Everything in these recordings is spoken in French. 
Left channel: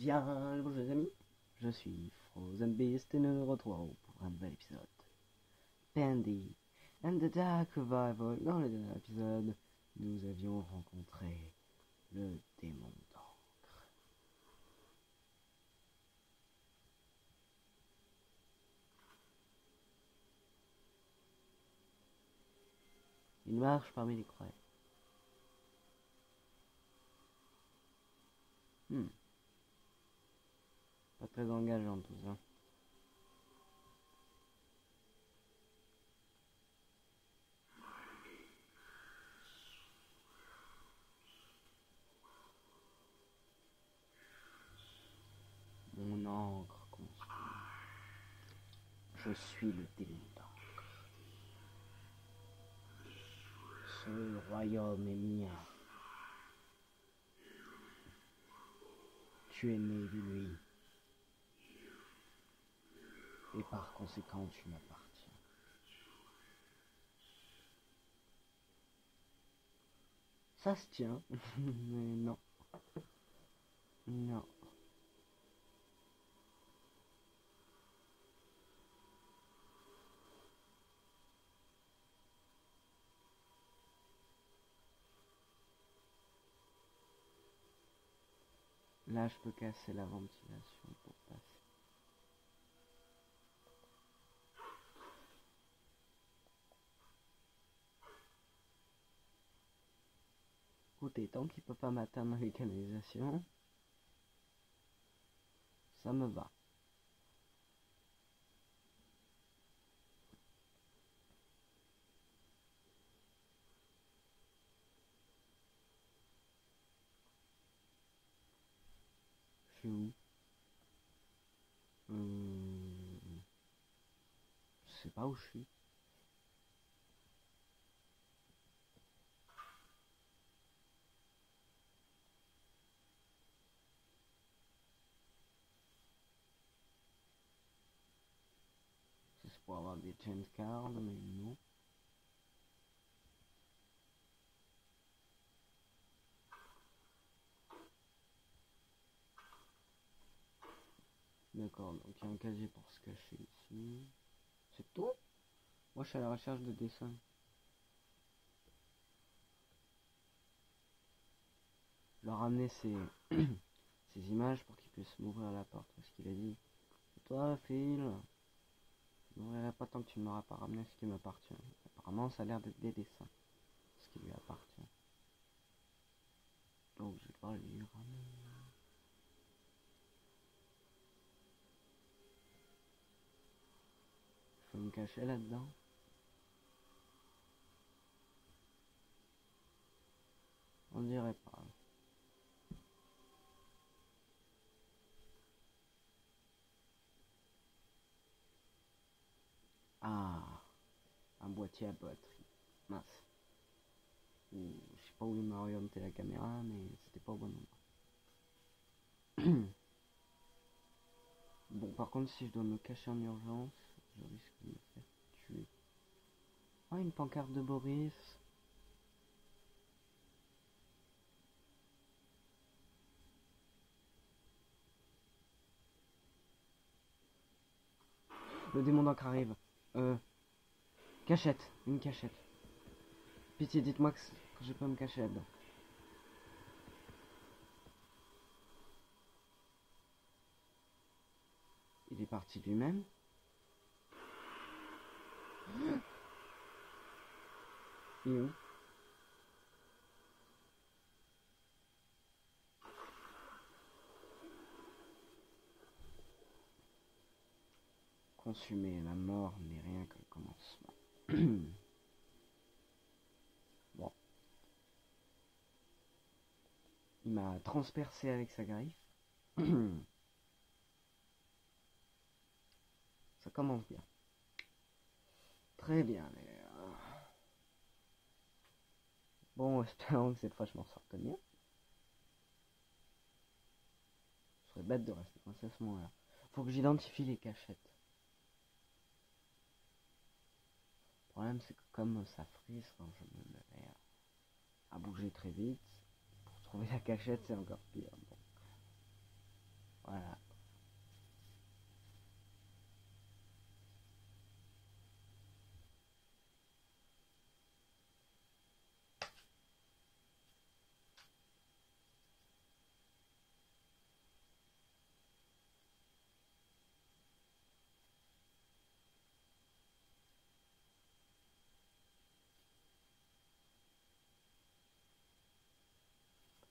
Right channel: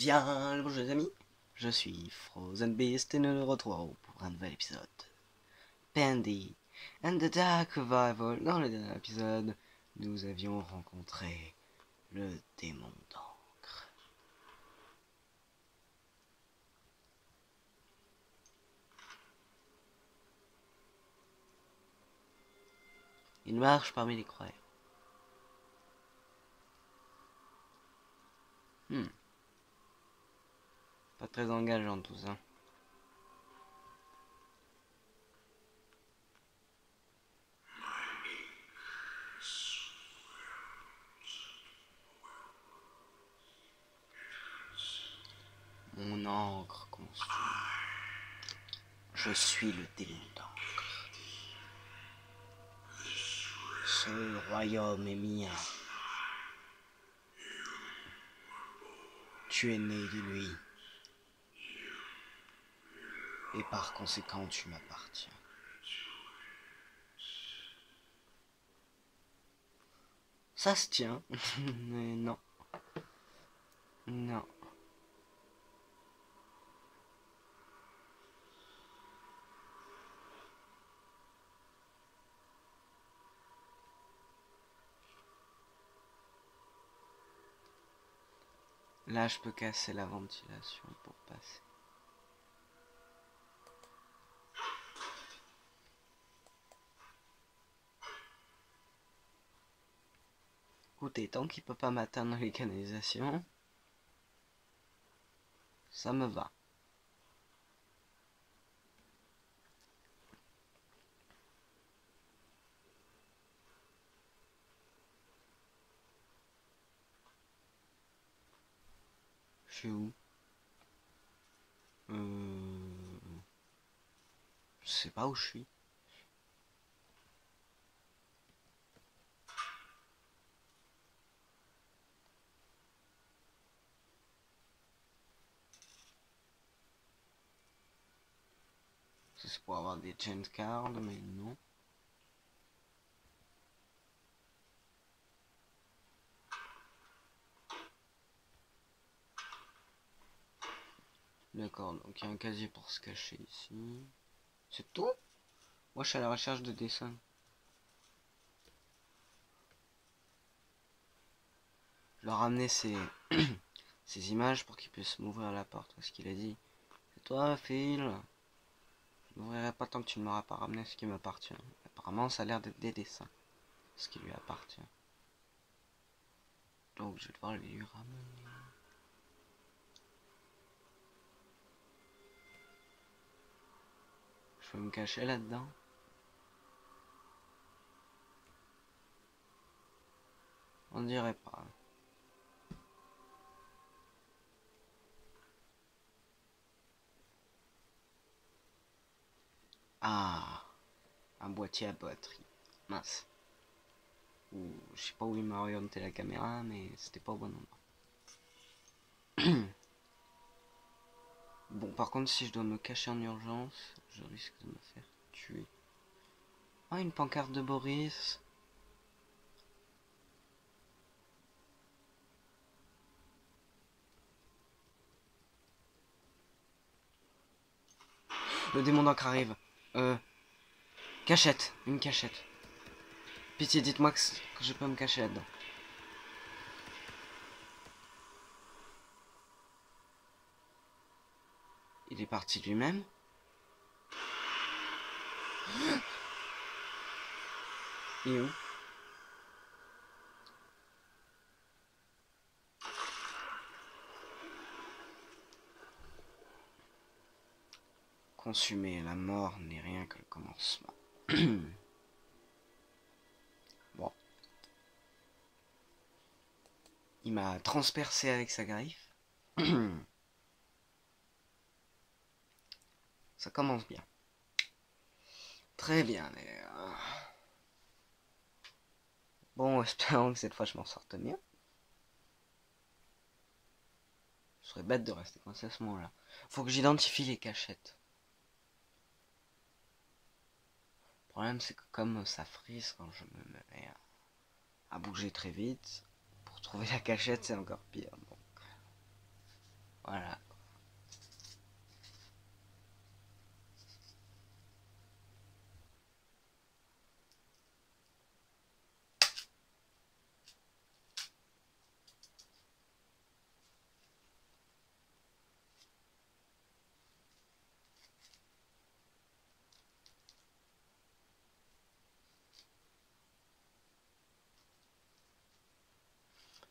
Bien le bonjour les amis, je suis Frozen Beast et nous nous retrouvons pour un nouvel épisode. Pandy and the Dark Revival. Dans le dernier épisode, nous avions rencontré le démon d'encre. Il marche parmi les croyants. Pas très engageant tout ça. Mon encre consume. Je suis le démon d'encre. Ce royaume est mien. Tu es né de lui. Et par conséquent, tu m'appartiens. Ça se tient, mais non. Non. Là, je peux casser la ventilation pour passer. Écoutez, tant qu'il peut pas m'atteindre les canalisations, ça me va. Je suis où? Je sais pas où je suis. C'est pour avoir des change cards, mais non. D'accord, donc il y a un casier pour se cacher ici. C'est tout? Moi, je suis à la recherche de dessins. Je leur ramener ces... ces images pour qu'ils puissent m'ouvrir la porte. Parce qu'il a dit, c'est toi, Phil. Je n'ouvrirai pas tant que tu ne m'auras pas ramené ce qui m'appartient. Apparemment, ça a l'air d'être des dessins. Ce qui lui appartient. Donc, je vais devoir lui ramener. Je peux me cacher là-dedans. On dirait pas. Ah, un boîtier à batterie. Mince. Ou je sais pas où il m'a orienté la caméra, mais c'était pas au bon endroit. Bon, par contre, si je dois me cacher en urgence, je risque de me faire tuer. Ah, une pancarte de Boris. Le démon d'encre arrive. Cachette, une cachette. Pitié, dites-moi que je peux me cacher là-dedans. Il est parti lui-même. Il est où? Consumé, la mort n'est rien que le commencement. Bon. Il m'a transpercé avec sa griffe. Ça commence bien. Très bien, les gars. Bon, espérons que cette fois je m'en sorte bien. Ce serait bête de rester coincé à ce moment-là. Faut que j'identifie les cachettes. Le problème, c'est que comme ça frise quand je me mets à bouger très vite, pour trouver la cachette, c'est encore pire. Donc. Voilà.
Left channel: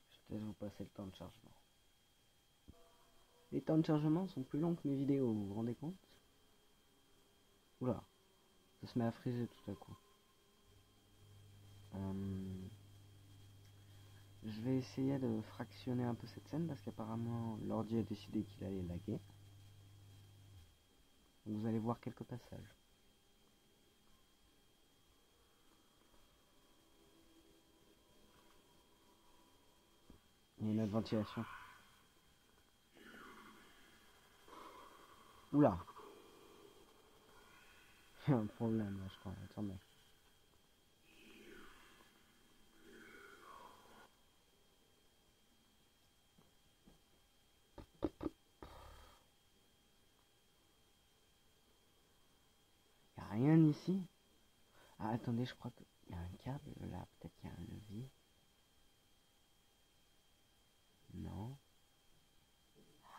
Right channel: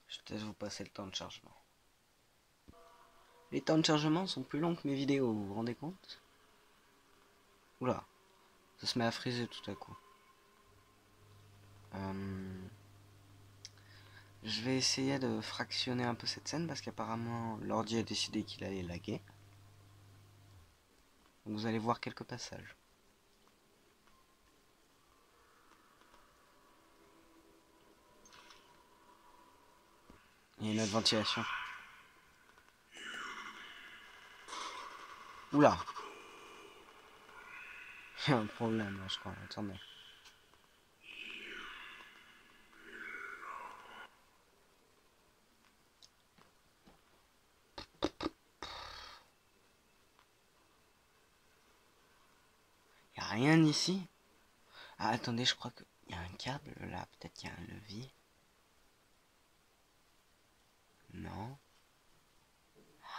Je vais peut-être vous passer le temps de chargement. Les temps de chargement sont plus longs que mes vidéos, vous vous rendez compte? Oula, ça se met à friser tout à coup. Je vais essayer de fractionner un peu cette scène parce qu'apparemment l'ordi a décidé qu'il allait laguer. Donc vous allez voir quelques passages. Il y a une autre ventilation. Oula! Il y a un problème là, je crois. Attendez. Il n'y a rien ici? Ah, attendez, je crois qu'il y a un câble là. Peut-être qu'il y a un levier. Non.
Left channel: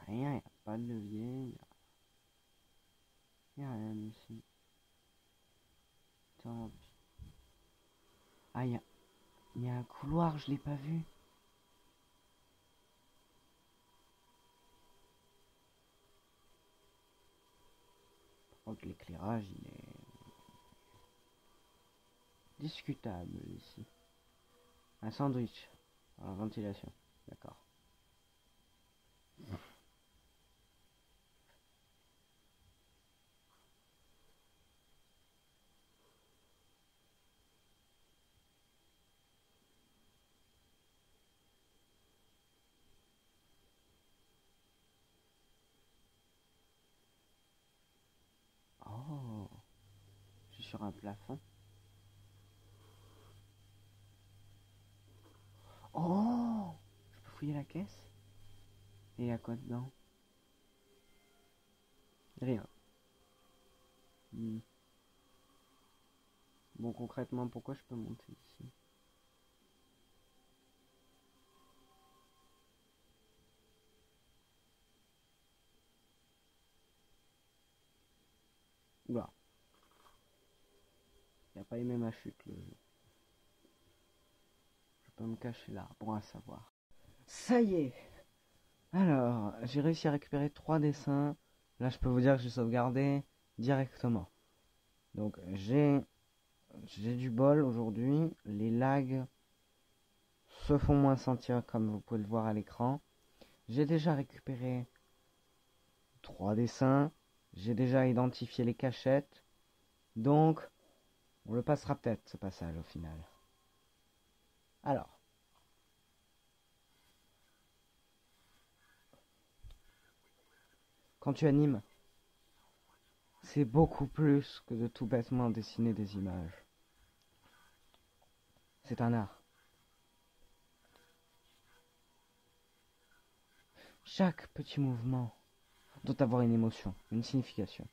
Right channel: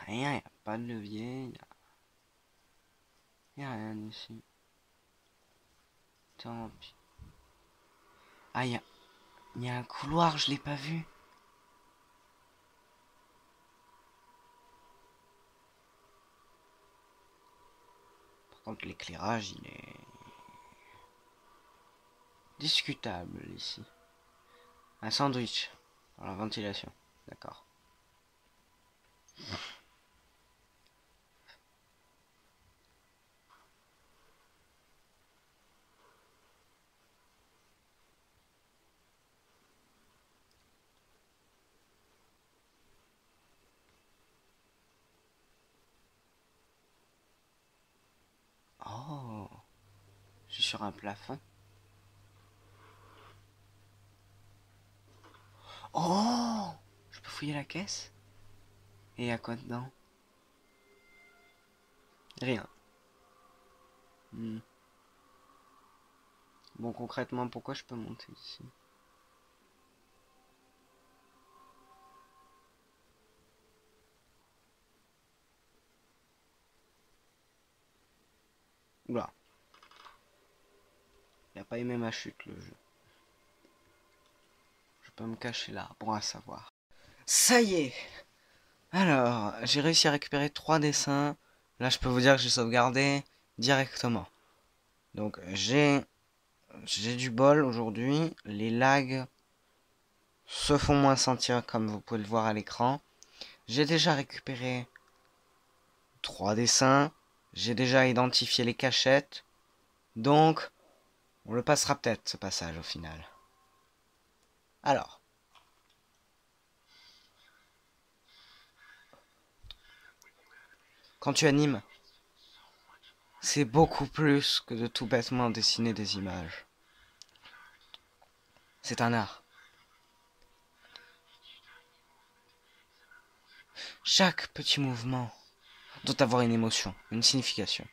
Rien, il n'y a pas de levier. Il n'y a rien ici. Tant pis. Ah, il y a un couloir, je l'ai pas vu. Par contre, l'éclairage, il est discutable ici. Un sandwich. Dans la ventilation. D'accord. Oh, je suis sur un plafond. Oh, je peux fouiller la caisse? Et y a quoi dedans? Rien. Bon, concrètement, pourquoi je peux monter ici? Oula. Il a pas aimé ma chute, le jeu. Je peux me cacher là, bon à savoir. Ça y est! Alors, j'ai réussi à récupérer 3 dessins. Là, je peux vous dire que j'ai sauvegardé directement. Donc, j'ai du bol aujourd'hui. Les lags se font moins sentir, comme vous pouvez le voir à l'écran. J'ai déjà récupéré 3 dessins. J'ai déjà identifié les cachettes. Donc, on le passera peut-être, ce passage, au final. Alors. Quand tu animes, c'est beaucoup plus que de tout bêtement dessiner des images. C'est un art. Chaque petit mouvement doit avoir une émotion, une signification.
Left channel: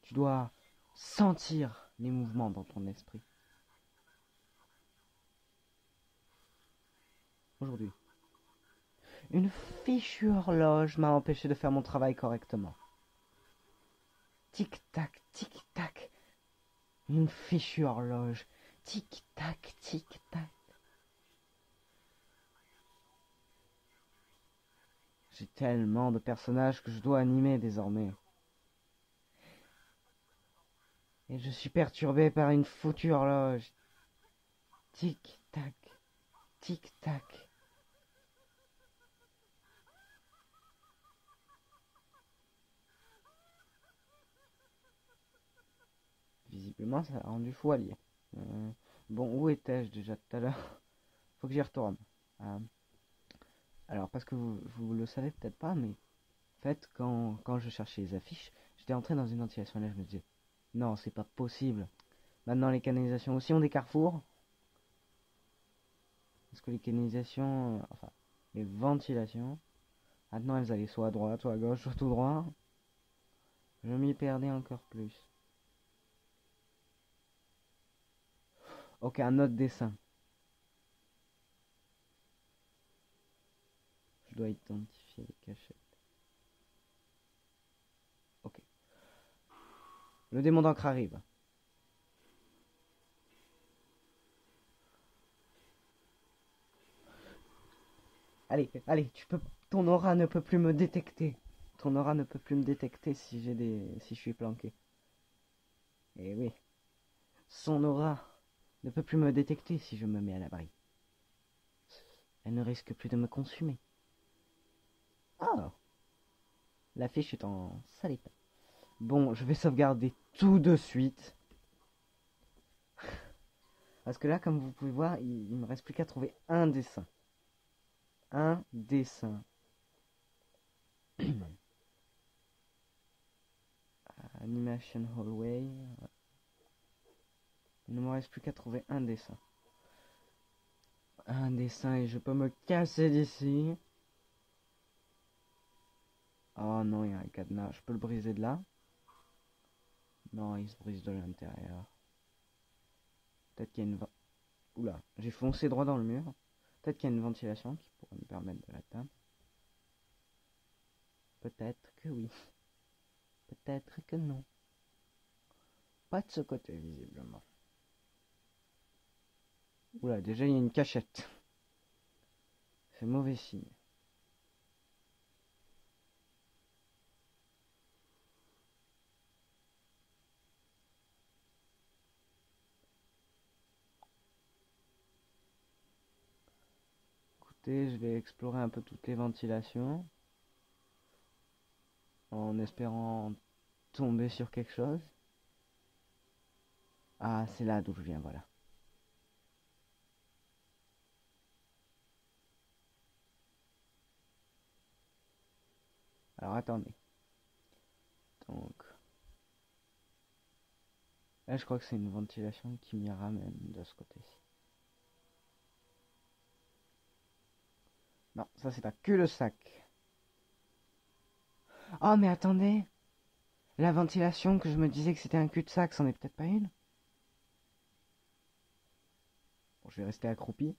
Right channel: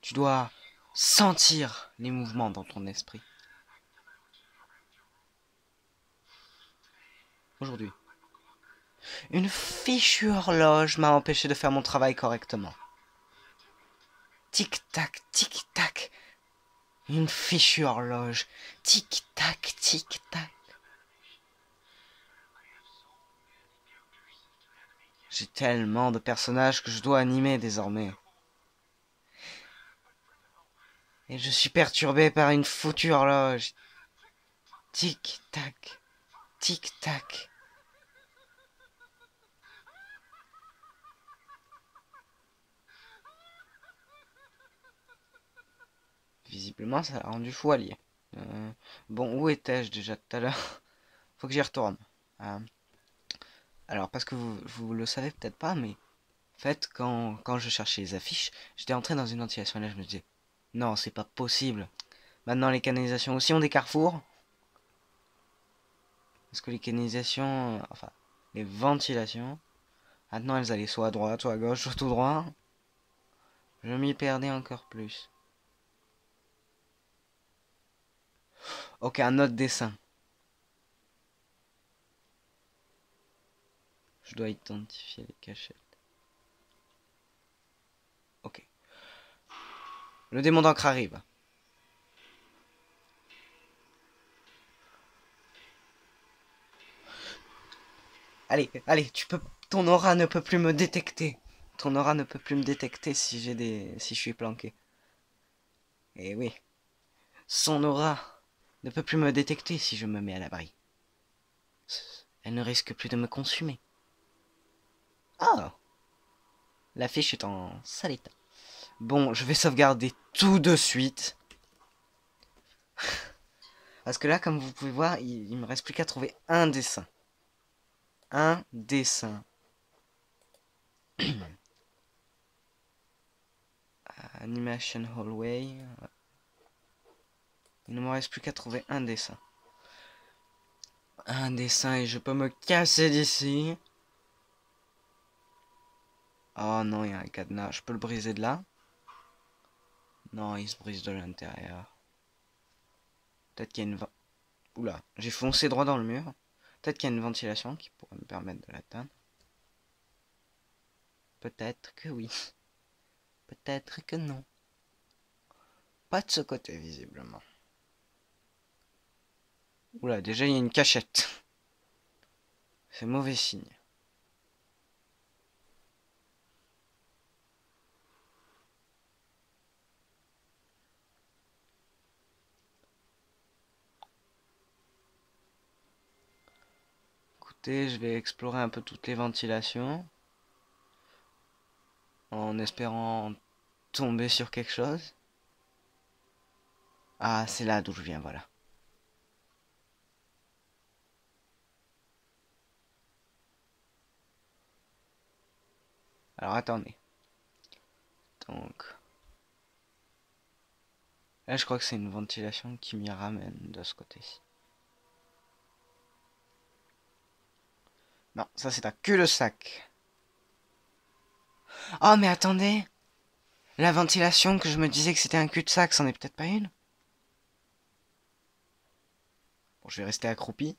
Tu dois sentir les mouvements dans ton esprit. Aujourd'hui, une fichue horloge m'a empêché de faire mon travail correctement. Tic-tac, tic-tac. Une fichue horloge. Tic-tac, tic-tac. J'ai tellement de personnages que je dois animer désormais. Et je suis perturbé par une foutue horloge. Tic-tac, tic-tac. Visiblement, ça l'a rendu fou allié. Bon, où étais-je déjà tout à l'heure? Faut que j'y retourne. Alors, parce que vous le savez peut-être pas, mais en fait, quand je cherchais les affiches, j'étais entré dans une ventilation et là, je me disais, non, c'est pas possible. Maintenant, les canalisations aussi ont des carrefours. Parce que les canalisations, enfin, les ventilations, maintenant elles allaient soit à droite, soit à gauche, soit tout droit. Je m'y perdais encore plus. Ok, un autre dessin. Je dois identifier les cachettes. Ok. Le démon d'encre arrive. Allez, allez, tu peux. Ton aura ne peut plus me détecter. Ton aura ne peut plus me détecter si si je suis planqué. Eh oui. Son aura ne peut plus me détecter si je me mets à l'abri. Elle ne risque plus de me consumer. Ah, la fiche est en sale état. Bon, je vais sauvegarder tout de suite. Parce que là, comme vous pouvez voir, il me reste plus qu'à trouver un dessin. Un dessin. Animation Hallway. Il ne me reste plus qu'à trouver un dessin. Un dessin et je peux me casser d'ici. Oh non, il y a un cadenas. Je peux le briser de là? Non, il se brise de l'intérieur. Peut-être qu'il y a une... Oula, j'ai foncé droit dans le mur. Peut-être qu'il y a une ventilation qui pourrait me permettre de l'atteindre. Peut-être que oui. Peut-être que non. Pas de ce côté, visiblement. Oula, déjà il y a une cachette. C'est mauvais signe. Écoutez, je vais explorer un peu toutes les ventilations. En espérant tomber sur quelque chose. Ah, c'est là d'où je viens, voilà. Alors attendez. Donc... Là, je crois que c'est une ventilation qui m'y ramène de ce côté-ci. Non, ça c'est un cul-de-sac. Oh, mais attendez! La ventilation que je me disais que c'était un cul-de-sac, c'en est peut-être pas une? Bon, je vais rester accroupi.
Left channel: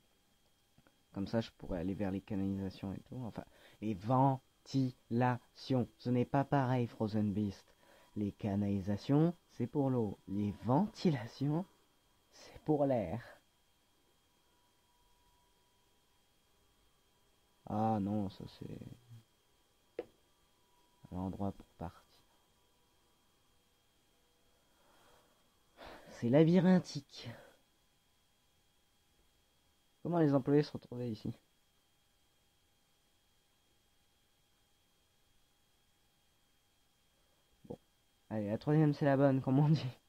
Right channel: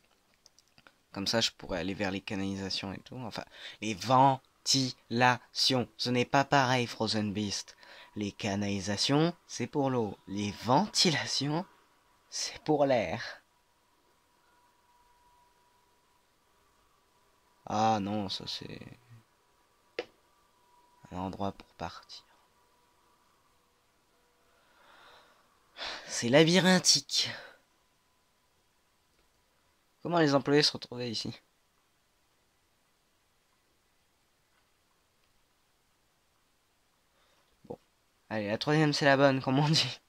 Comme ça, je pourrais aller vers les canalisations et tout. Enfin, les ventilations. Ce n'est pas pareil, Frozen Beast. Les canalisations, c'est pour l'eau. Les ventilations, c'est pour l'air. Ah non, ça c'est un endroit pour partir. C'est labyrinthique. Comment les employés se retrouvaient ici? Bon. Allez, la troisième c'est la bonne, comme on dit.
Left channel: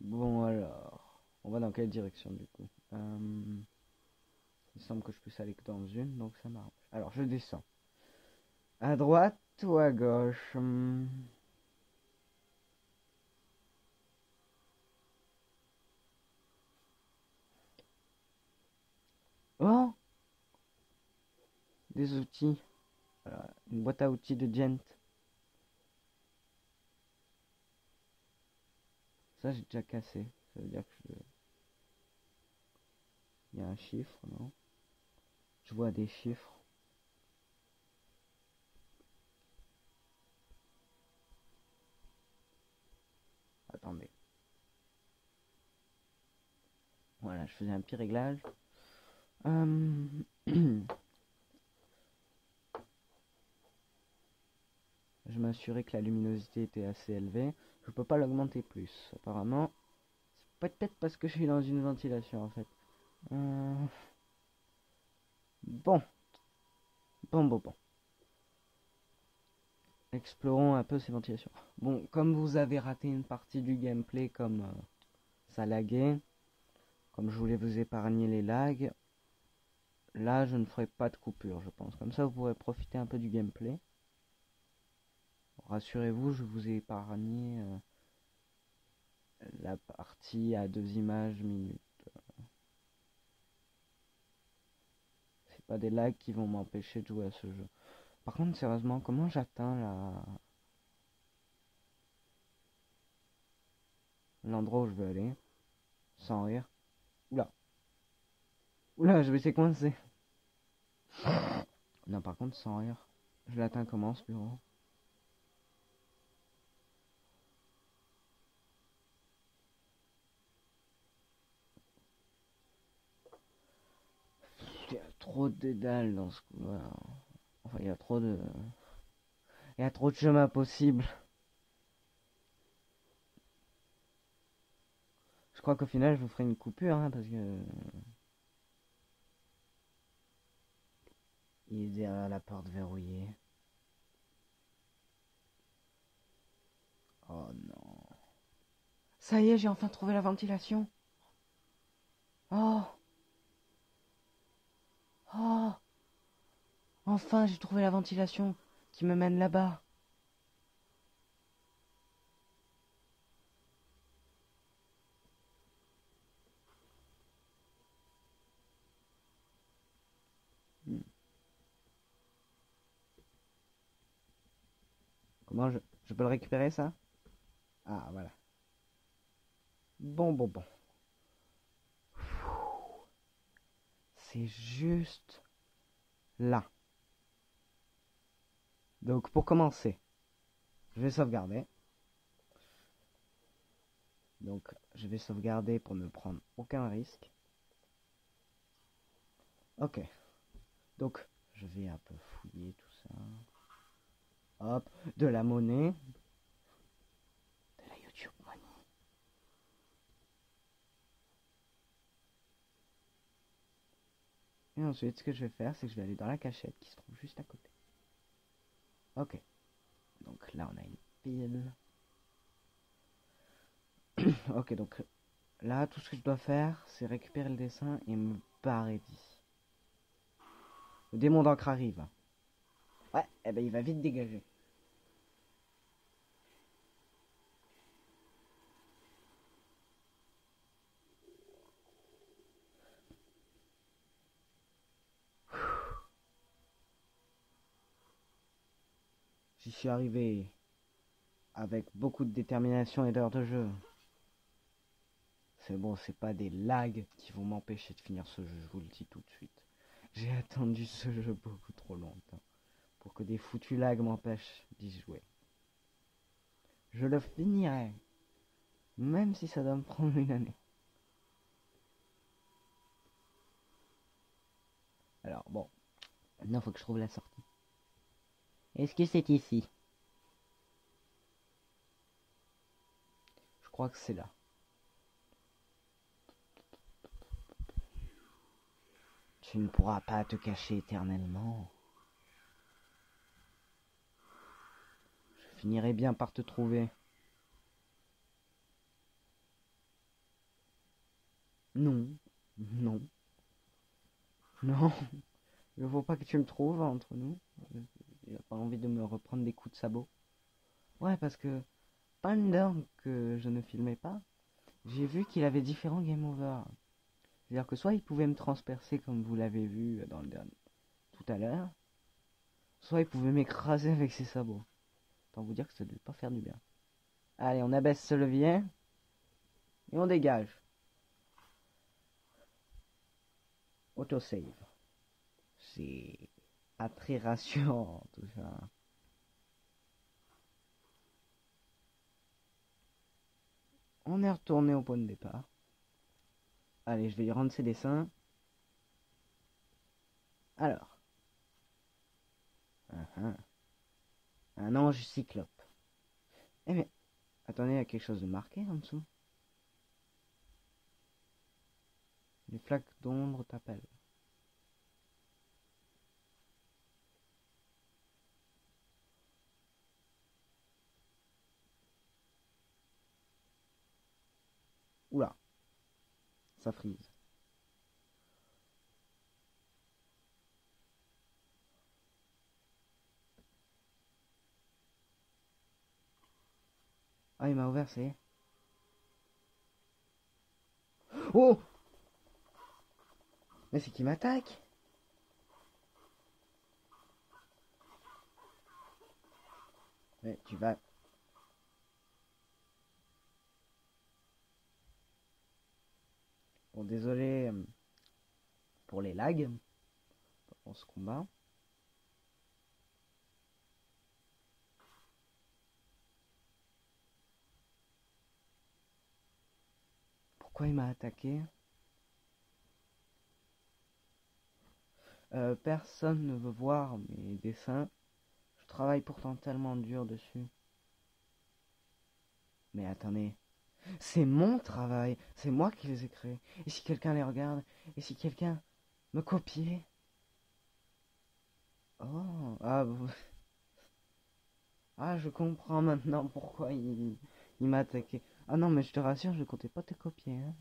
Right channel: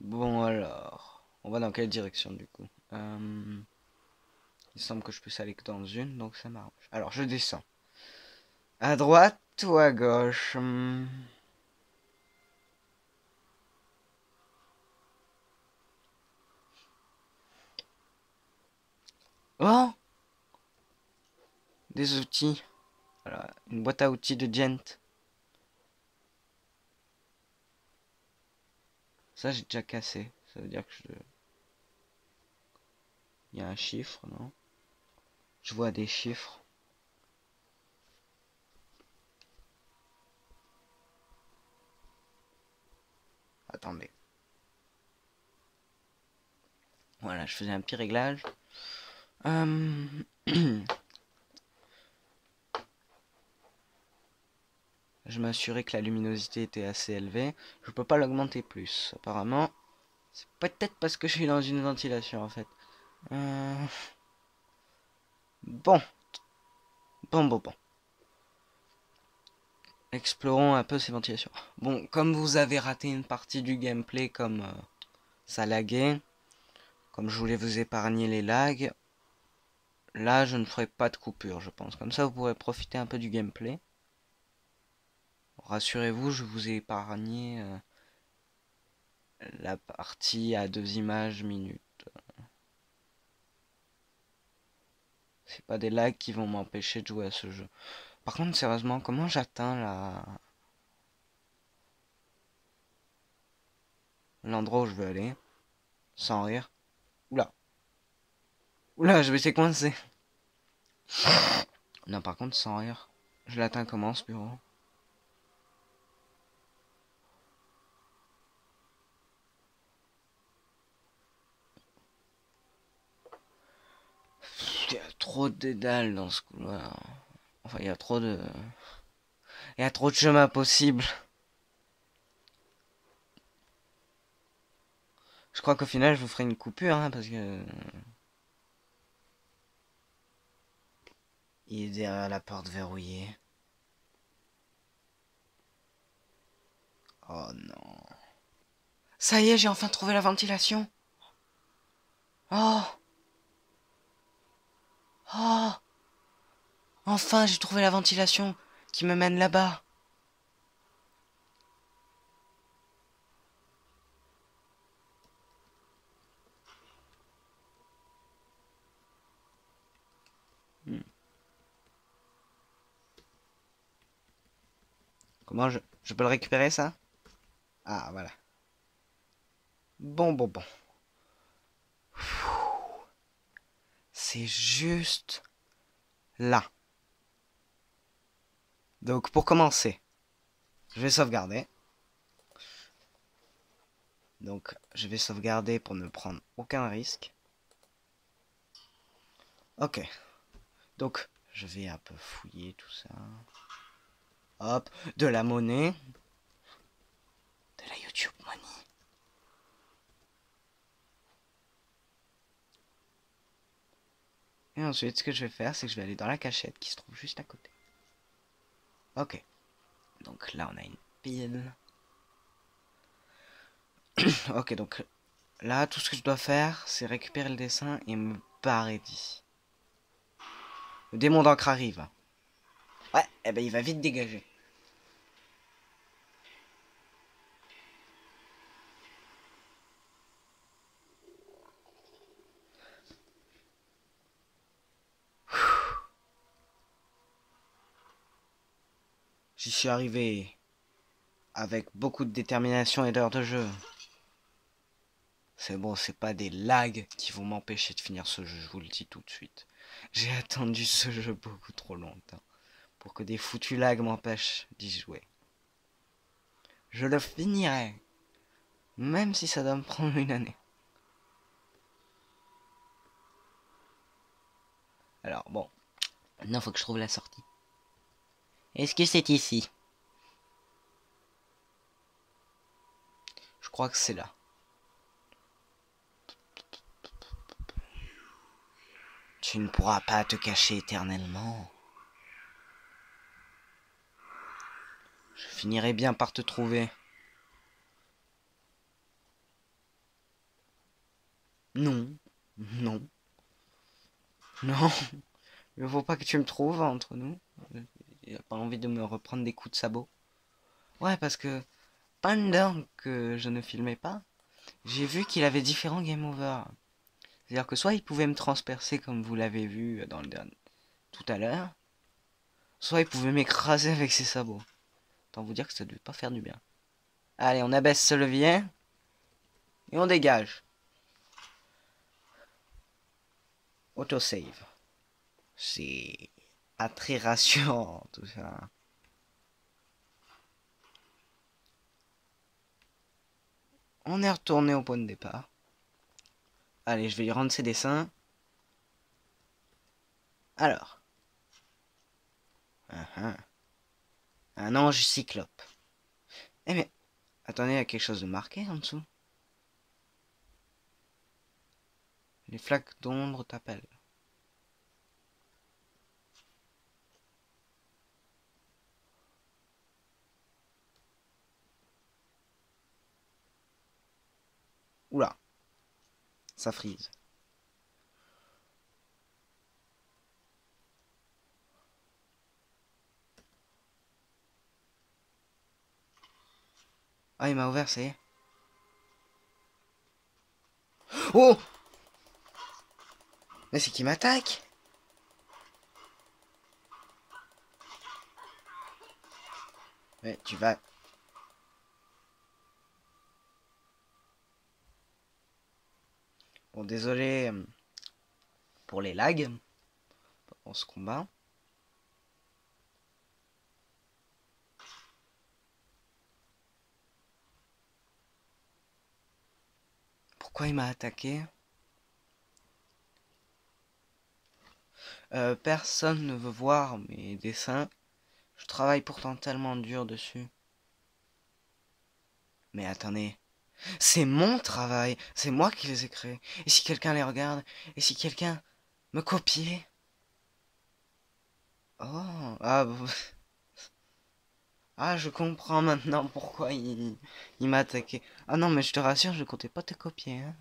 Bon alors, on va dans quelle direction du coup? Il semble que je puisse aller que dans une, donc ça m'arrange. Alors je descends. À droite ou à gauche? Oh! Des outils. Voilà, une boîte à outils de Gent. Ça j'ai déjà cassé. Ça veut dire que je... Il y a un chiffre, non? Je vois des chiffres. Attendez. Voilà, je faisais un petit réglage. Je m'assurais que la luminosité était assez élevée. Je peux pas l'augmenter plus. Apparemment, c'est peut-être parce que je suis dans une ventilation en fait. Bon. Bon. Explorons un peu ces ventilations. Bon, comme vous avez raté une partie du gameplay comme ça laguait, comme je voulais vous épargner les lags, là je ne ferai pas de coupure je pense. Comme ça vous pourrez profiter un peu du gameplay. Rassurez-vous, je vous ai épargné la partie à 2 images minutes. C'est pas des lags qui vont m'empêcher de jouer à ce jeu. Par contre, sérieusement, comment j'atteins l'endroit où je veux aller sans rire? Oula. Oula, je vais essayer coincé. Non, par contre, sans rire. Je l'atteins comment ce bureau? Il y a trop de dédales dans ce couloir. Enfin, il y a trop de... Il y a trop de chemins possibles. Je crois qu'au final, je vous ferai une coupure, hein, parce que... Il est derrière la porte verrouillée. Oh non. Ça y est, j'ai enfin trouvé la ventilation. Oh. Oh. Enfin, j'ai trouvé la ventilation qui me mène là-bas. Hmm. Comment je peux le récupérer, ça? Ah, voilà. Bon. C'est juste là. Donc, pour commencer, je vais sauvegarder. Donc, je vais sauvegarder pour ne prendre aucun risque. Ok. Donc, je vais un peu fouiller tout ça. Hop, de la monnaie. De la YouTube Money. Et ensuite, ce que je vais faire, c'est que je vais aller dans la cachette qui se trouve juste à côté. Ok. Donc là, on a une pile. Ok, donc là, tout ce que je dois faire, c'est récupérer le dessin et me barrer d'ici. Le démon d'encre arrive. Ouais, eh ben il va vite dégager. J'y suis arrivé avec beaucoup de détermination et d'heures de jeu. C'est bon, c'est pas des lags qui vont m'empêcher de finir ce jeu, je vous le dis tout de suite. J'ai attendu ce jeu beaucoup trop longtemps pour que des foutus lags m'empêchent d'y jouer. Je le finirai, même si ça doit me prendre une année. Alors bon, maintenant faut que je trouve la sortie. Est-ce que c'est ici? Je crois que c'est là. Tu ne pourras pas te cacher éternellement. Je finirai bien par te trouver. Non, non, non. Il ne faut pas que tu me trouves entre nous. Il n'a pas envie de me reprendre des coups de sabot. Ouais, parce que pendant que je ne filmais pas, j'ai vu qu'il avait différents game over. C'est-à-dire que soit il pouvait me transpercer comme vous l'avez vu dans le dernier tout à l'heure, soit il pouvait m'écraser avec ses sabots. Autant vous dire que ça ne devait pas faire du bien. Allez, on abaisse ce levier et on dégage. Autosave. C'est pas très rassurant tout ça. On est retourné au point de départ. Allez, je vais lui rendre ses dessins. Alors. Un ange cyclope. Eh mais, attendez, il y a quelque chose de marqué en dessous. Les flaques d'ombre t'appellent. Oula. Ça frise. Ah, il m'a ouvert, ça y est. Oh! Mais c'est qui m'attaque? Mais tu vas... Bon, désolé pour les lags pendant ce combat. Pourquoi il m'a attaqué? Personne ne veut voir mes dessins. Je travaille pourtant tellement dur dessus. Mais attendez, c'est mon travail, c'est moi qui les ai créés. Et si quelqu'un les regarde, et si quelqu'un me copiait? Oh, ah, ah, je comprends maintenant pourquoi il m'a attaqué. Ah non, mais je te rassure, je comptais pas te copier. Hein.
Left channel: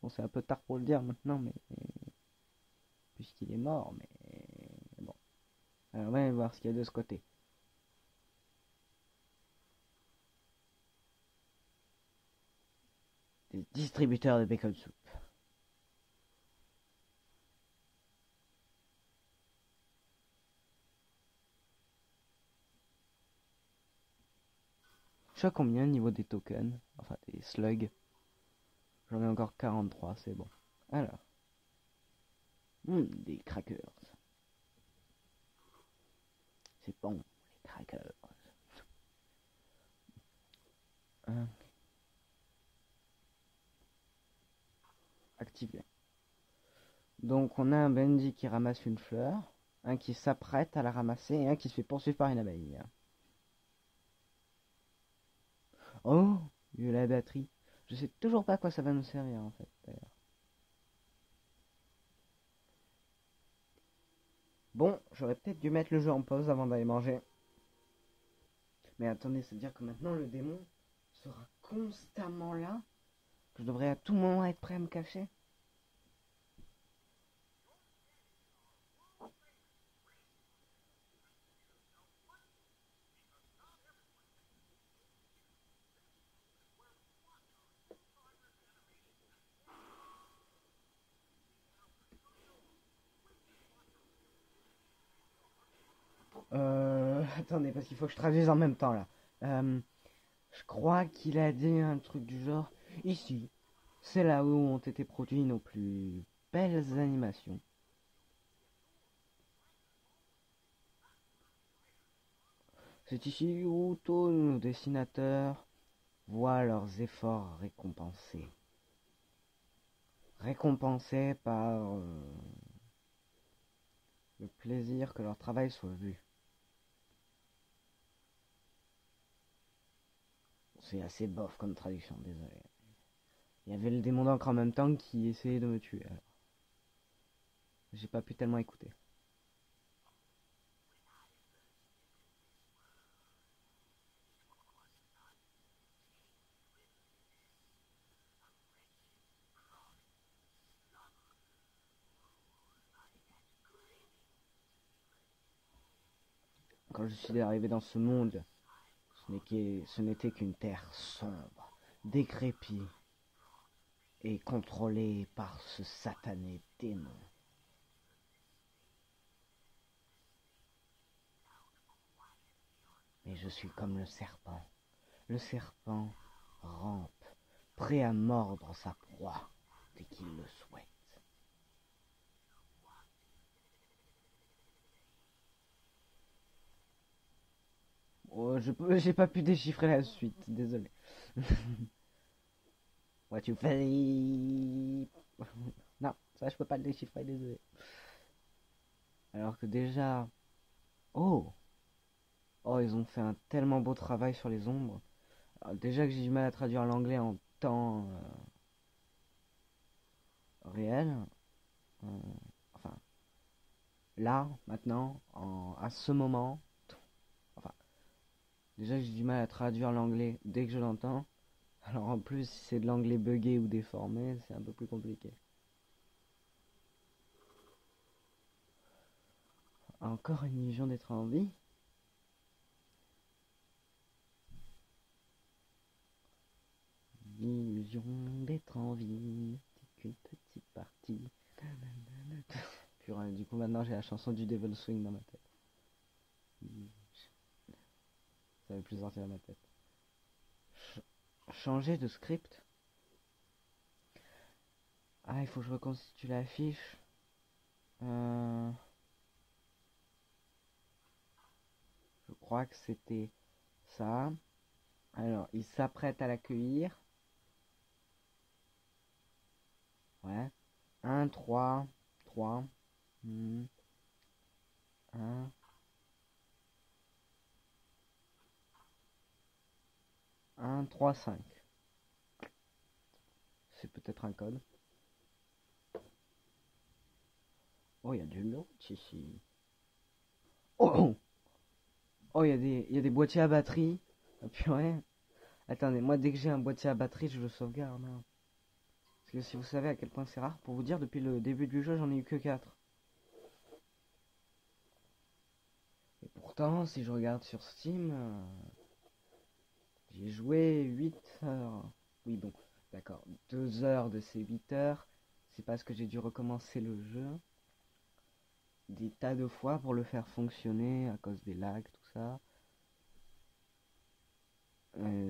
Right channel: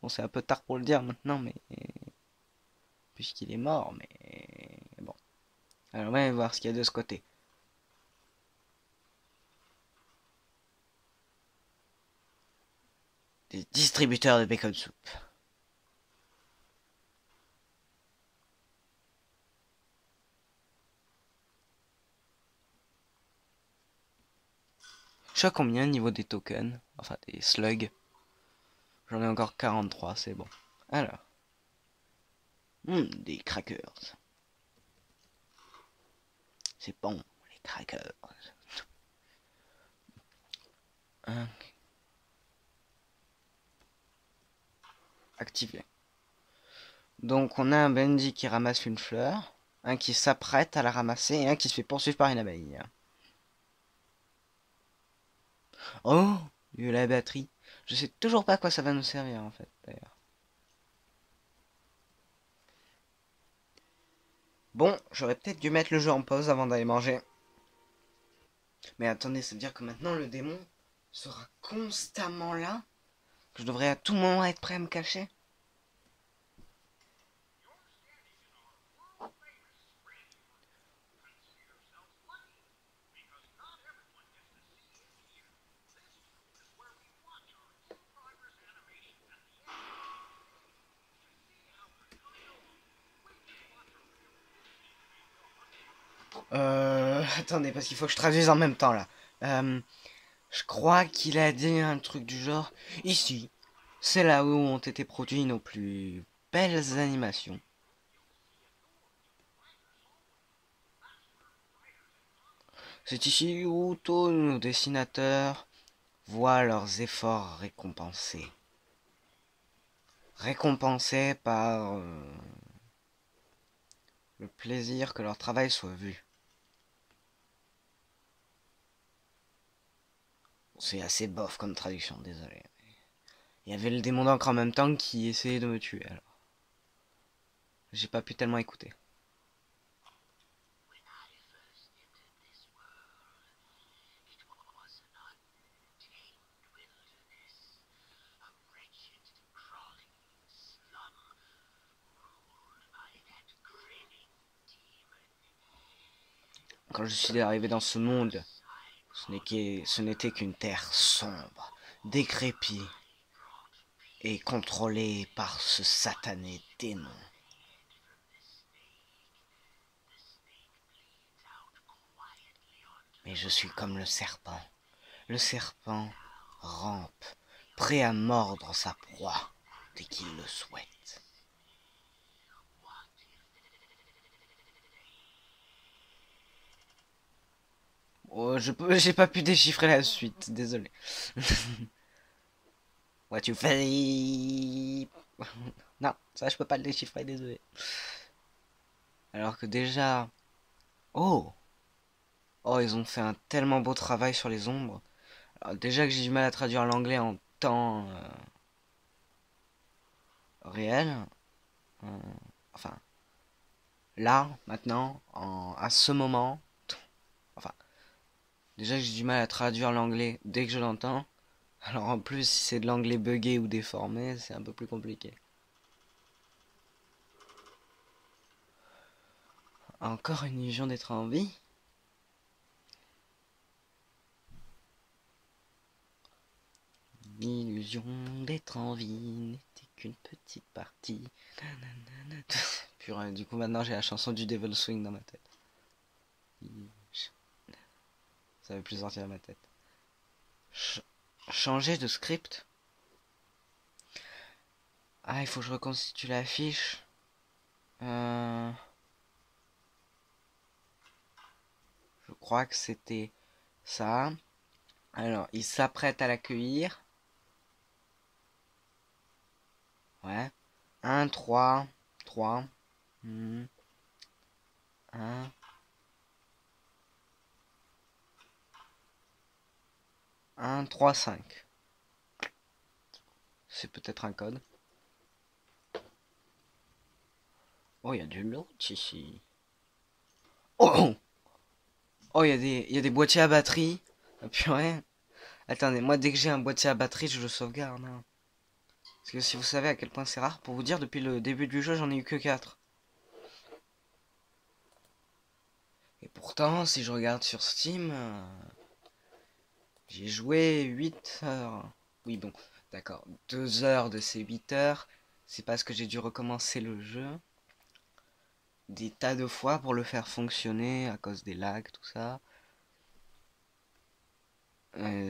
Bon, c'est un peu tard pour le dire maintenant, mais puisqu'il est mort, mais bon. Alors, on va voir ce qu'il y a de ce côté. Des distributeurs de bacon soup. Je sais à combien au niveau des tokens, enfin des slugs. J'en ai encore 43, c'est bon. Alors, des crackers. C'est bon, les crackers. Hein, activé. Donc on a un Bendy qui ramasse une fleur, un qui s'apprête à la ramasser et un qui se fait poursuivre par une abeille. Oh, il y a la batterie. Je sais toujours pas à quoi ça va nous servir en fait d'ailleurs. Bon, j'aurais peut-être dû mettre le jeu en pause avant d'aller manger. Mais attendez, ça veut dire que maintenant le démon sera constamment là? Que je devrais à tout moment être prêt à me cacher? Attendez, parce qu'il faut que je traduise en même temps là. Je crois qu'il a dit un truc du genre. Ici, c'est là où ont été produits nos plus belles animations. C'est ici où tous nos dessinateurs voient leurs efforts récompensés. Récompensés par le plaisir que leur travail soit vu. C'est assez bof comme traduction, désolé. Il y avait le démon d'encre en même temps qui essayait de me tuer, alors. J'ai pas pu tellement écouter. Quand je suis arrivé dans ce monde, ce n'était qu'une terre sombre, décrépite et contrôlée par ce satané démon. Mais je suis comme le serpent. Le serpent rampe, prêt à mordre sa proie dès qu'il le souhaite. Oh, j'ai pas pu déchiffrer la suite, désolé. What you say? Non, ça je peux pas le déchiffrer, désolé. Alors que déjà... Oh! Oh, ils ont fait un tellement beau travail sur les ombres. Alors déjà que j'ai du mal à traduire l'anglais en temps réel. euh, enfin, là, maintenant, à ce moment. Enfin, déjà que j'ai du mal à traduire l'anglais dès que je l'entends. Alors en plus, si c'est de l'anglais buggé ou déformé, c'est un peu plus compliqué. Encore une illusion d'être en vie? L'illusion d'être en vie n'était qu'une petite partie. Nanana. Purée, du coup maintenant j'ai la chanson du Devil Swing dans ma tête. Ça veut plus sortir de ma tête. Changer de script. Ah, il faut que je reconstitue la fiche. Je crois que c'était ça. Alors, il s'apprête à l'accueillir. Ouais. 1, 3, 3. 1. 1, 3, 5. C'est peut-être un code. Oh, il y a du loot ici. Oh, oh, il y a des boîtiers à batterie. Ah, purée. Attendez, moi dès que j'ai un boîtier à batterie, je le sauvegarde. Hein. Parce que si vous savez à quel point c'est rare, pour vous dire, depuis le début du jeu, j'en ai eu que 4. Et pourtant, si je regarde sur Steam, j'ai joué 8 heures. Oui, bon, d'accord. 2 heures de ces 8 heures, c'est parce que j'ai dû recommencer le jeu des tas de fois pour le faire fonctionner à cause des lags, tout ça.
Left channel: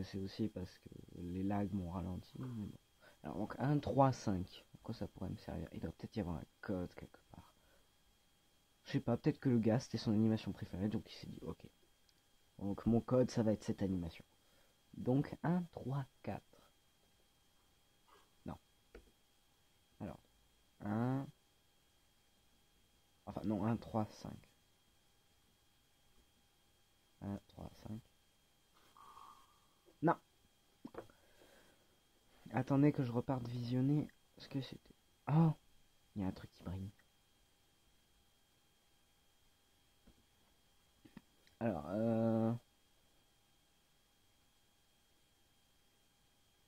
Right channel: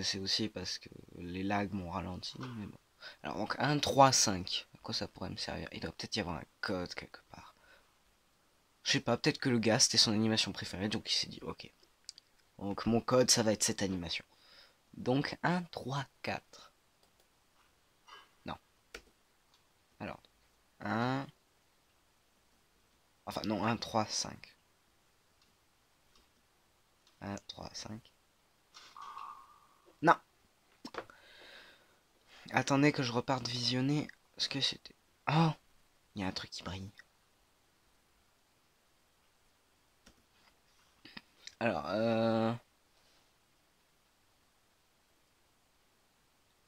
C'est aussi parce que les lags m'ont ralenti, mais bon. Alors donc 1, 3, 5. À quoi ça pourrait me servir? Il doit peut-être y avoir un code quelque part. Je sais pas, peut-être que le gars c'était son animation préférée, donc il s'est dit ok. Donc mon code ça va être cette animation. Donc 1, 3, 4. Non. Alors 1. Enfin non, 1, 3, 5. 1, 3, 5. Non. Attendez que je reparte visionner ce que c'était. Oh, il y a un truc qui brille. Alors,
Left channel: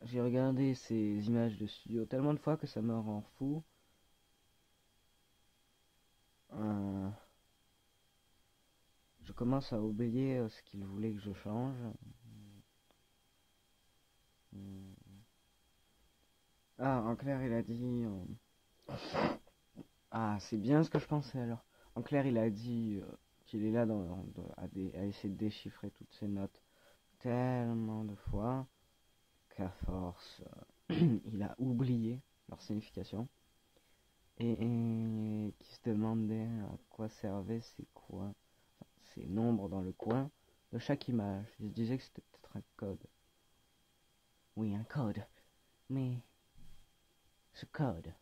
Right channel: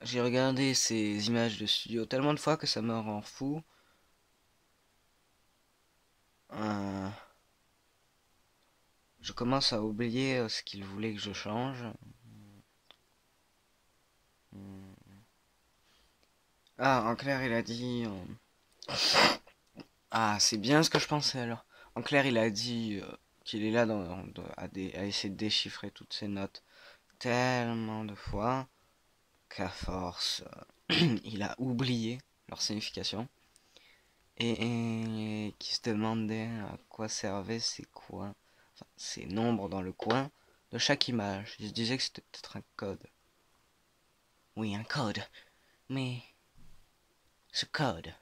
j'ai regardé ces images de studio tellement de fois que ça me rend fou. Je commence à oublier ce qu'il voulait que je change. Ah, en clair, il a dit... Ah, c'est bien ce que je pensais alors. En clair, il a dit qu'il est là à essayer de déchiffrer toutes ces notes tellement de fois qu'à force, il a oublié leur signification. Et qui se demandait à quoi servaient ces nombres dans le coin de chaque image. Il se disait que c'était peut-être un code. Oui, un code. Mais ce code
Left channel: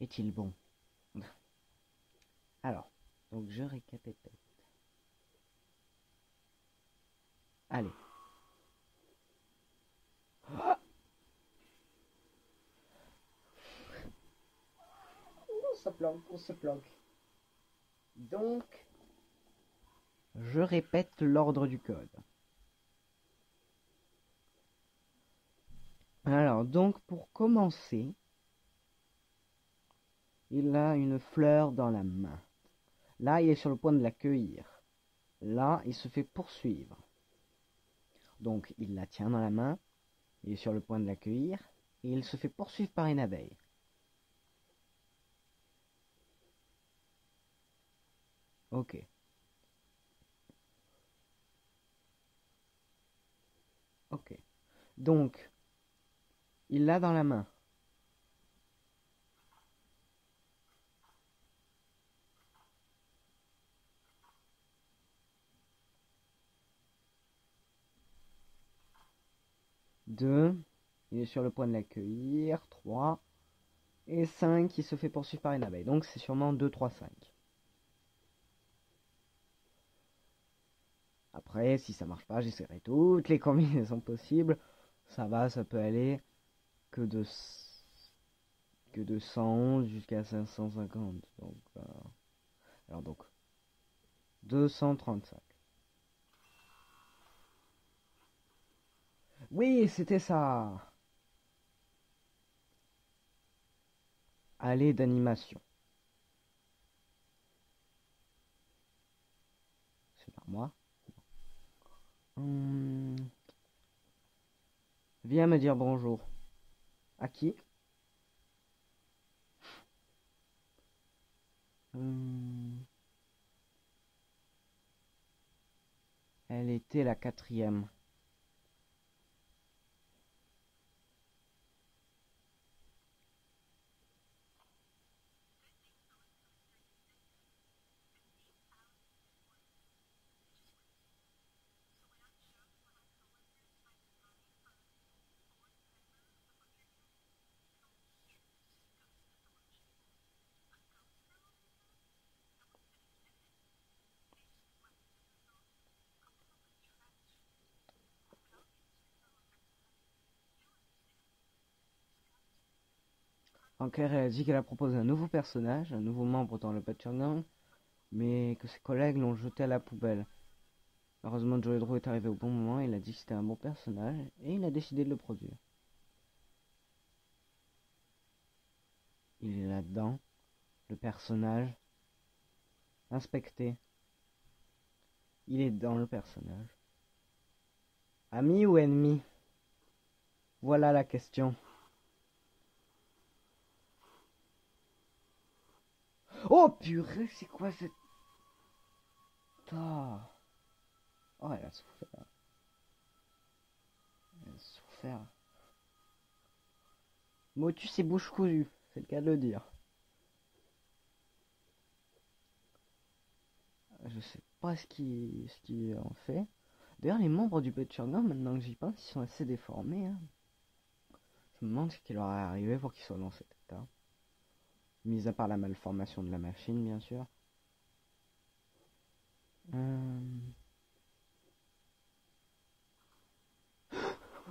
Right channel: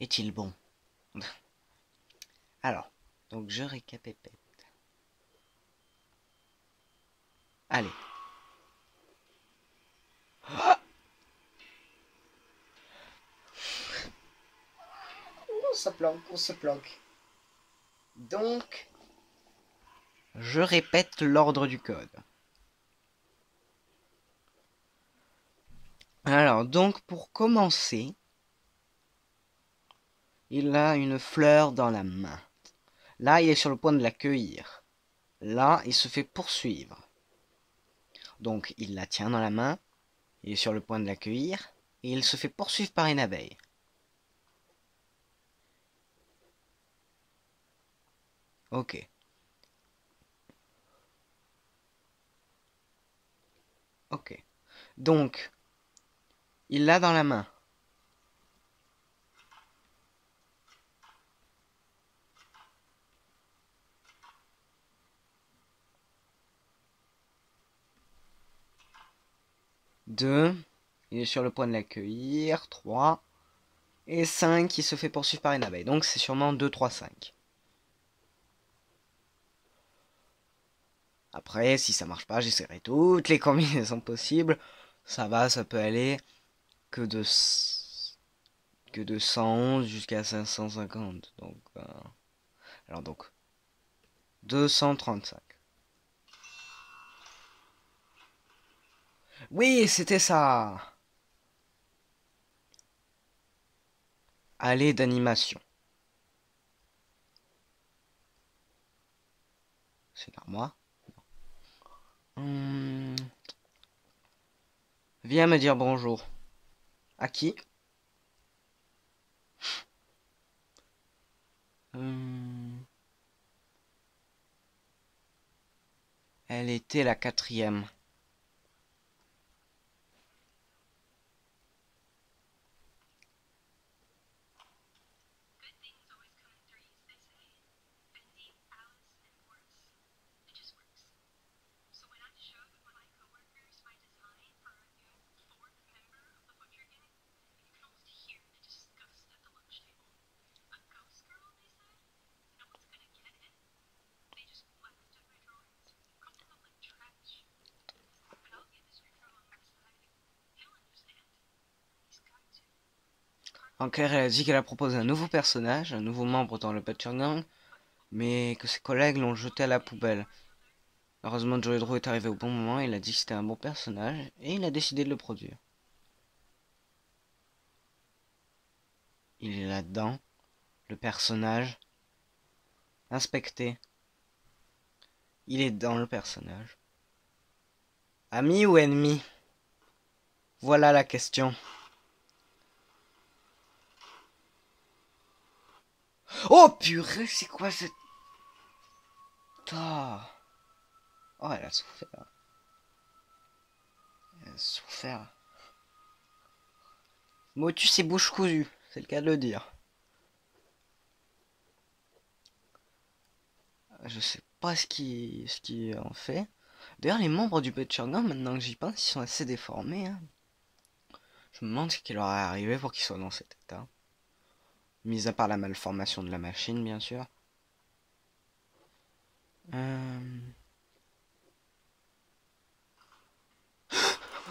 est-il bon? Alors, donc je récapépète. Allez. On se planque, on se planque. Donc, je répète l'ordre du code. Alors, donc, pour commencer, il a une fleur dans la main. Là, il est sur le point de l'accueillir. Là, il se fait poursuivre. Donc, il la tient dans la main, il est sur le point de l'accueillir, et il se fait poursuivre par une abeille. Ok. Ok. Donc, il l'a dans la main. Deux. Il est sur le point de l'accueillir. 3. Et 5, il se fait poursuivre par une abeille. Donc c'est sûrement 2, 3, 5. Après, si ça marche pas, j'essaierai toutes les combinaisons possibles. Ça peut aller que de, que de 111 jusqu'à 550. Donc, alors donc, 235. Oui, c'était ça. Allée d'animation. C'est l'armoire. Viens me dire bonjour. À qui? Elle était la 4e. En clair, elle a dit qu'elle a proposé un nouveau personnage, un nouveau membre dans le Butcher Gang, mais que ses collègues l'ont jeté à la poubelle. Heureusement, Joey Drew est arrivé au bon moment, il a dit que c'était un bon personnage, et il a décidé de le produire. Il est là-dedans, le personnage, inspecté. Il est dans le personnage. Ami ou ennemi? Voilà la question. Oh purée, c'est quoi cette... Ah. Oh, elle a souffert. Elle a souffert. Motus et bouche cousue, c'est le cas de le dire. Je sais pas ce qui en fait. D'ailleurs, les membres du Butcher Gang, maintenant que j'y pense, ils sont assez déformés. Hein. Je me demande ce qui leur est arrivé pour qu'ils soient dans cet état. Mis à part la malformation de la machine, bien sûr.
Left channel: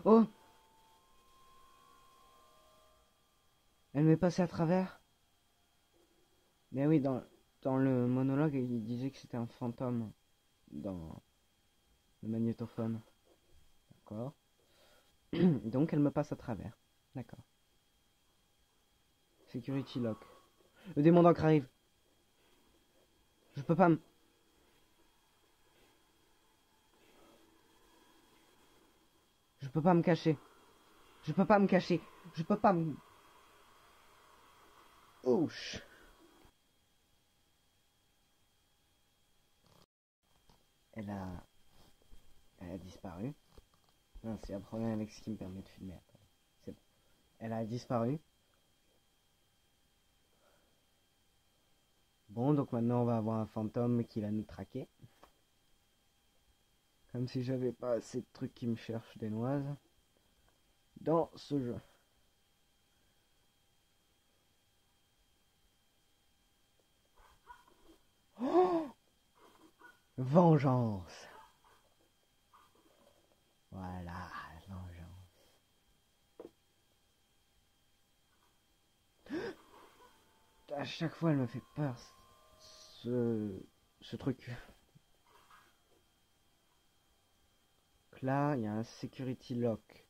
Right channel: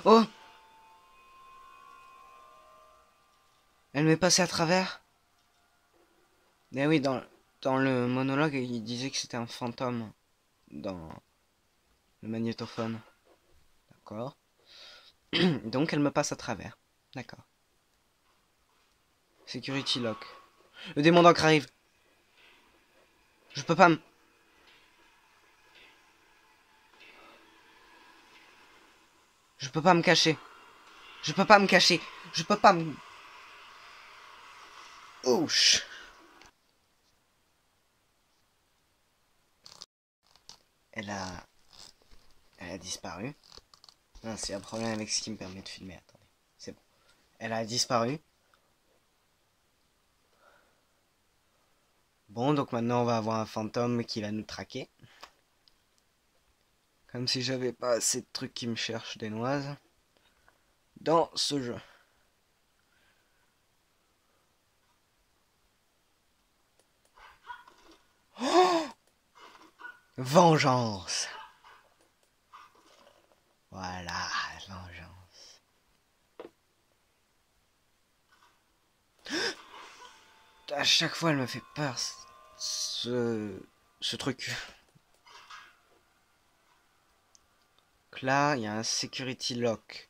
Oh! Elle m'est passée à travers. Eh oui, dans le monologue, il disait que c'était un fantôme dans le magnétophone. D'accord. Donc elle me passe à travers. D'accord. Security lock. Le démon d'encre arrive. Je peux pas me... Je peux pas me cacher. Je peux pas me cacher. Je peux pas me... Ouch. Elle a... Elle a disparu. Non, c'est un problème avec ce qui me permet de filmer. Attendez. C'est bon. Elle a disparu. Bon, donc maintenant on va avoir un fantôme qui va nous traquer. Comme si j'avais pas assez de trucs qui me cherchent des noises. Dans ce jeu. Oh, vengeance. Voilà, vengeance. À chaque fois, elle me fait peur. Ce truc. Donc là, il y a un security lock.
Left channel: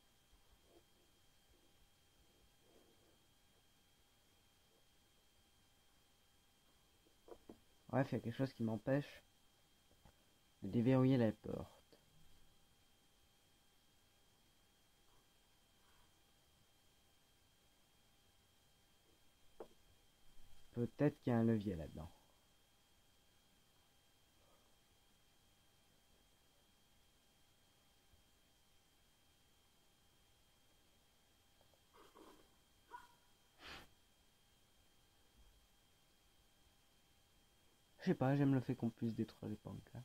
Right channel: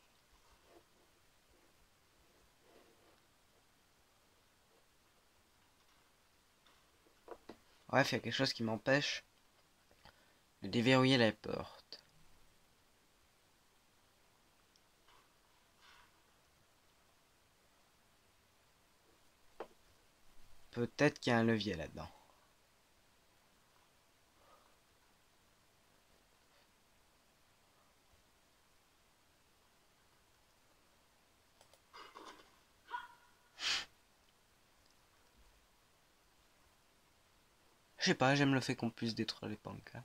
Bref, il y a quelque chose qui m'empêche de déverrouiller la porte. Peut-être qu'il y a un levier là-dedans. Je sais pas, j'aime le fait qu'on puisse détruire les pancartes.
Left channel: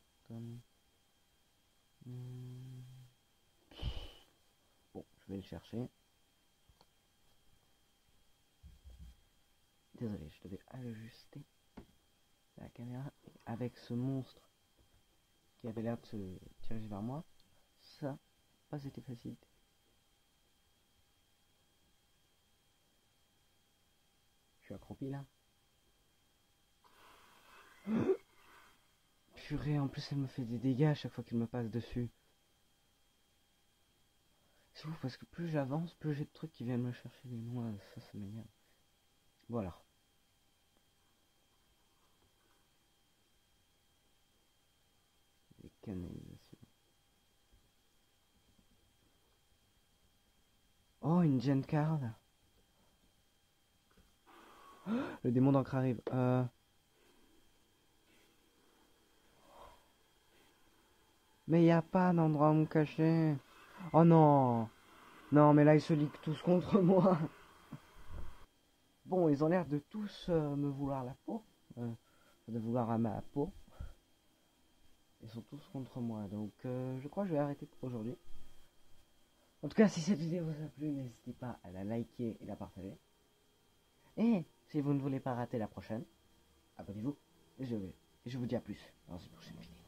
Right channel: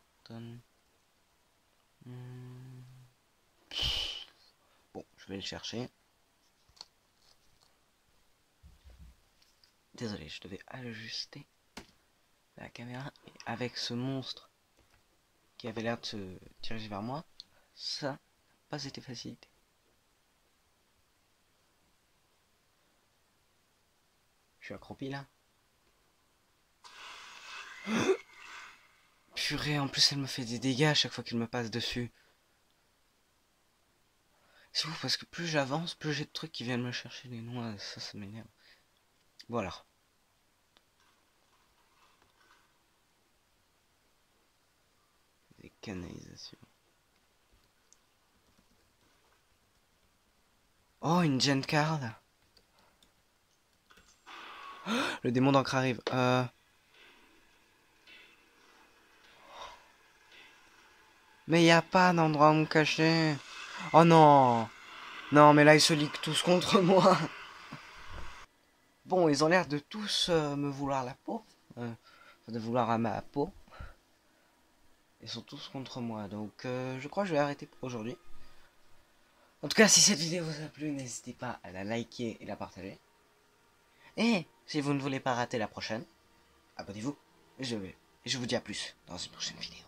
Bon, je vais le chercher. Désolé, je devais ajuster la caméra. Et avec ce monstre qui avait l'air de se diriger vers moi, ça n'a pas été facilité. Je suis accroupi là. Purée, en plus elle me fait des dégâts à chaque fois qu'il me passe dessus. C'est ouf parce que plus j'avance, plus j'ai de trucs qui viennent me chercher les noix. Ça m'énerve. Voilà. Des canalisations. Oh, une Gen Card. Le démon d'encre arrive. Mais y a pas d'endroit où me cacher. Oh non. Non, mais là, ils se liguent tous contre moi. Bon, ils ont l'air de tous me vouloir la peau. De vouloir à ma peau. Ils sont tous contre moi. Donc, je crois que je vais arrêter pour aujourd'hui. En tout cas, si cette vidéo vous a plu, n'hésitez pas à la liker et la partager. Et si vous ne voulez pas rater la prochaine, abonnez-vous. Et je vous dis à plus dans une prochaine vidéo.